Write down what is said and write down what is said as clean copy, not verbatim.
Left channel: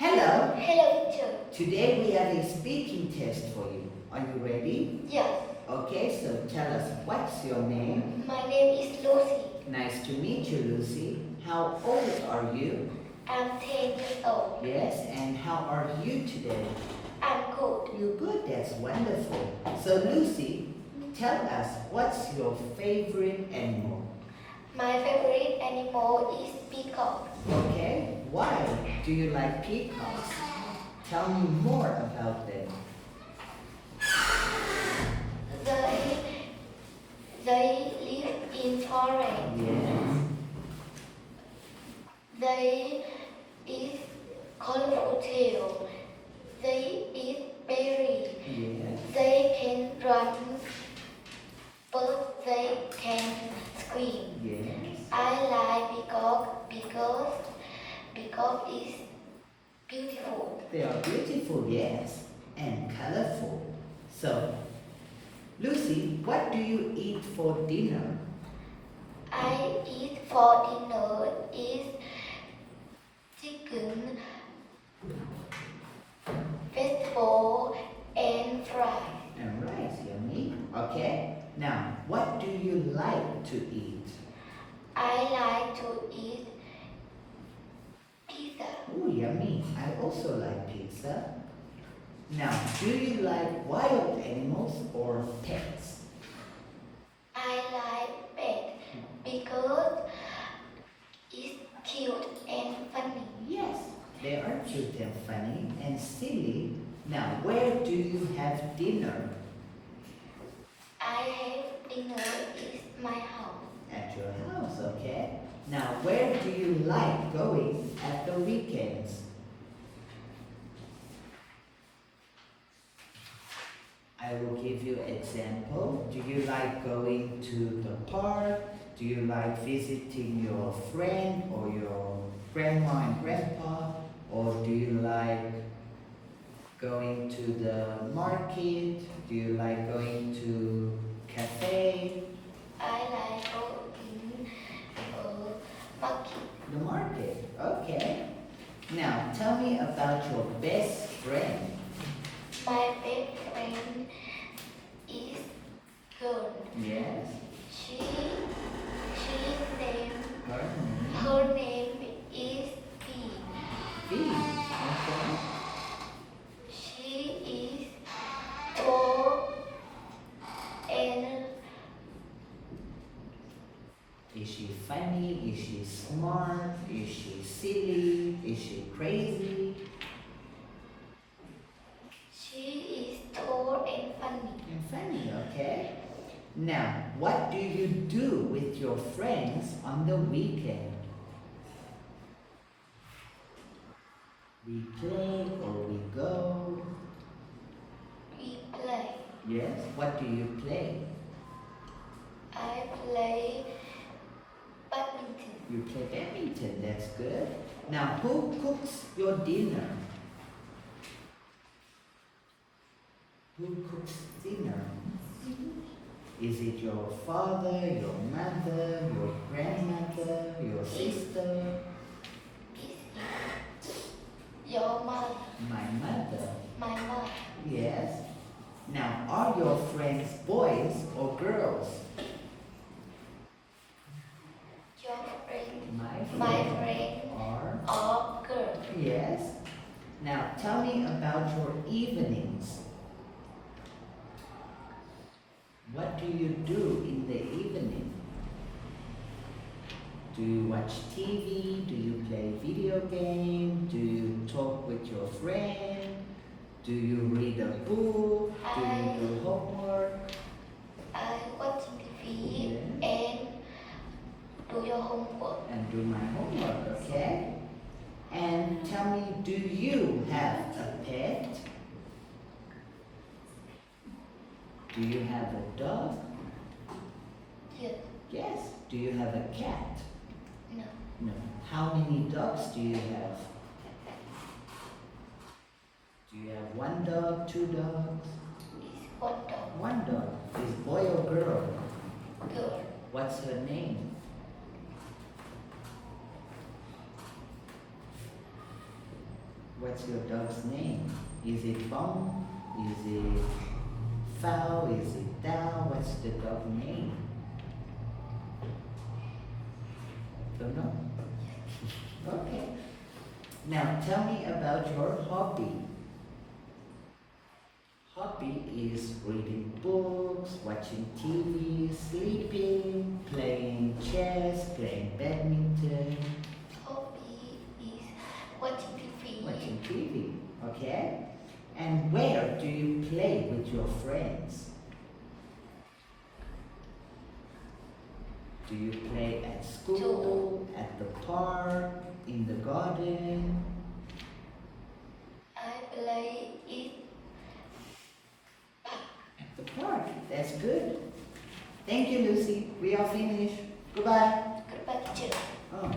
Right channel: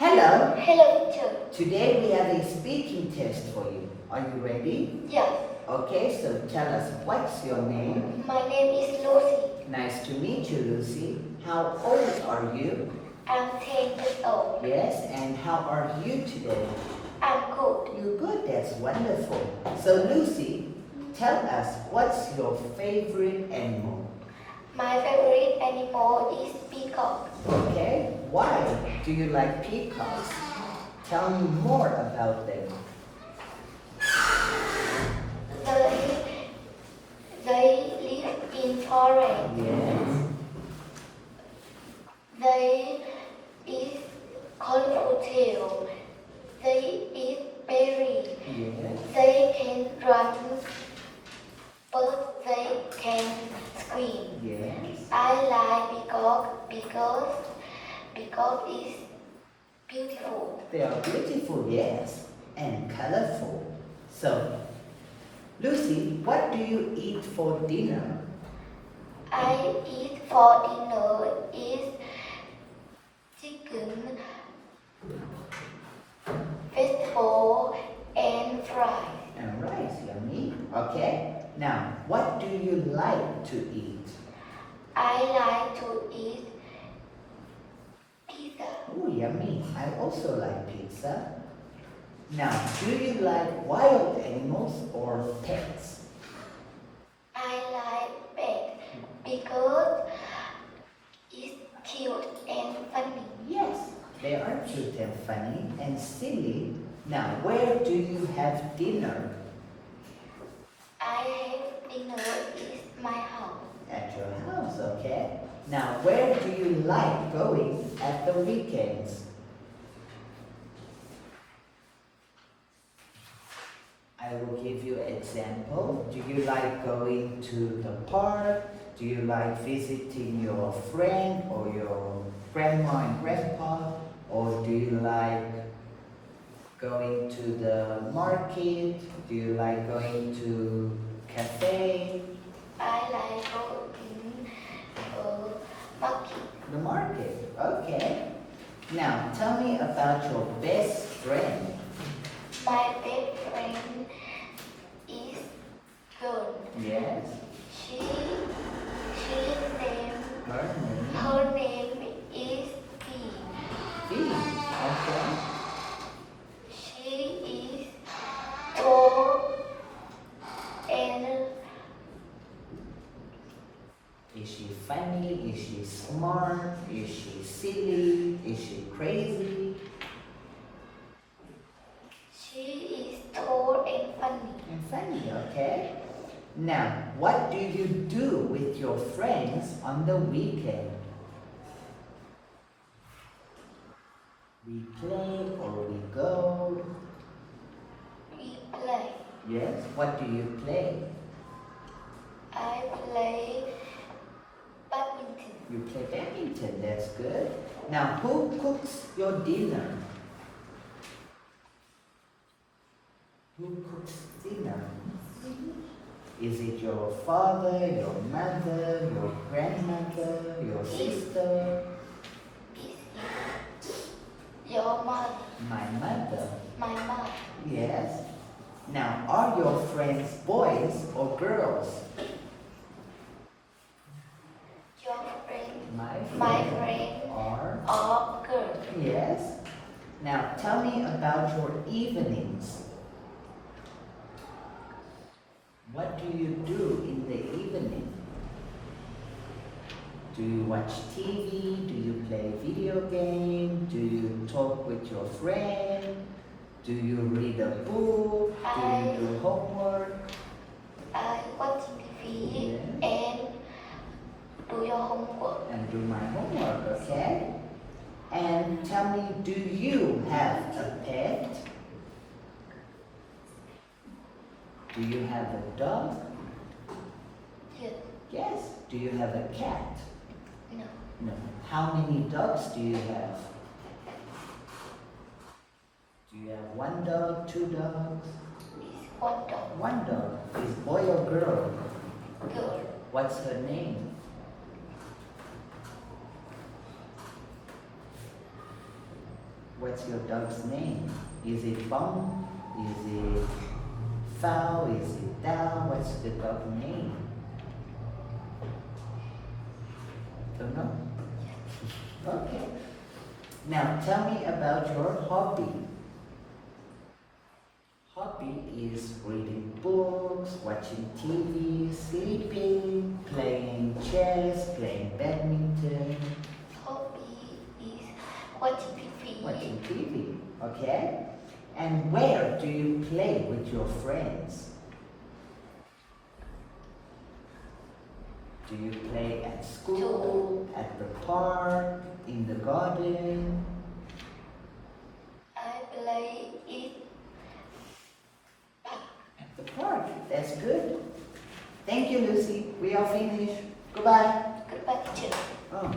Hello. Hello, teacher. Today we have a speaking test for you. Are you ready? Yes, Okay, so tell us, what's your name? my name is Lucy. Nice to meet you, Lucy. How old are you? I'm 10 years old. Yes, and how are you today? I'm good. You're good, that's wonderful. So Lucy, tell us, what's your favorite animal? My favorite animal is peacock. Okay, why do you like peacocks? Tell me more about them. They live in forest. Yes. They eat colorful tail. They eat berries. Yes. They can run, but they can scream. Yes. I like peacock because it's beautiful. They are beautiful, yes, and colorful. So, Lucy, what do you eat for dinner? I eat for dinner is chicken, vegetable, and fries. And rice, yummy. Okay. Now, what do you like to eat? I like to eat pizza. Oh, yummy. I also like pizza. Now, do you like wild animals or pets? I like pet because it's cute and funny. Yes, they are cute and funny and silly. Now, where do you have dinner? I have dinner at my house. At your house, okay? Now, where do you like going at the weekends? I will give you an example. Do you like going to the park? Do you like visiting your friend or your grandma and grandpa? Or do you like going to the market? Do you like going to cafe? I like going market. The market, okay. Now, tell me about your best friend. My best friend is girl. Yes, She name her name. her name is Bee. B, okay. She is tall and Is she funny? Is she smart? Is she silly? Is she crazy? she is tall and funny. And funny, okay. Now, what do you do with your friends on the weekend? We play or we go? We play. Yes, what do you play? I play badminton. You play badminton, that's good. Now, who cooks your dinner? Who cooks dinner? Is it your father, your mother, your grandmother, your sister? Your mother. My mother. My mom. Yes. Now, are your friends boys or girls? Your friend. My My friend are. or girl. Yes. Now, tell me about your evenings. What do you do in the evening? Do you watch TV? Do you play video game? Do you talk with your friend? Do you read a book? Do you do homework? I watch TV Yes. and do your homework. And do my homework, okay? And tell me, do you have a pet? Do you have a dog? Yes. Yes. Do you have a cat? No. No. How many dogs do you have? Do you have one dog, two dogs? It's one dog. One dog. Is boy or girl? Girl. What's her name? What's your dog's name? Is it Bong? Is it Fowl? Is it Dao? What's the dog name? Don't know? Okay. Now tell me about your hobby. Hobby is reading books, watching TV, sleeping, playing chess, playing badminton, Hobby is watching TV. watching TV. Okay? And where do you play with your friends? Do you play at school, at the park, in the garden? I play it. At the park. That's good. Thank you, Lucy. We are finished. Goodbye. Goodbye, teacher. Oh.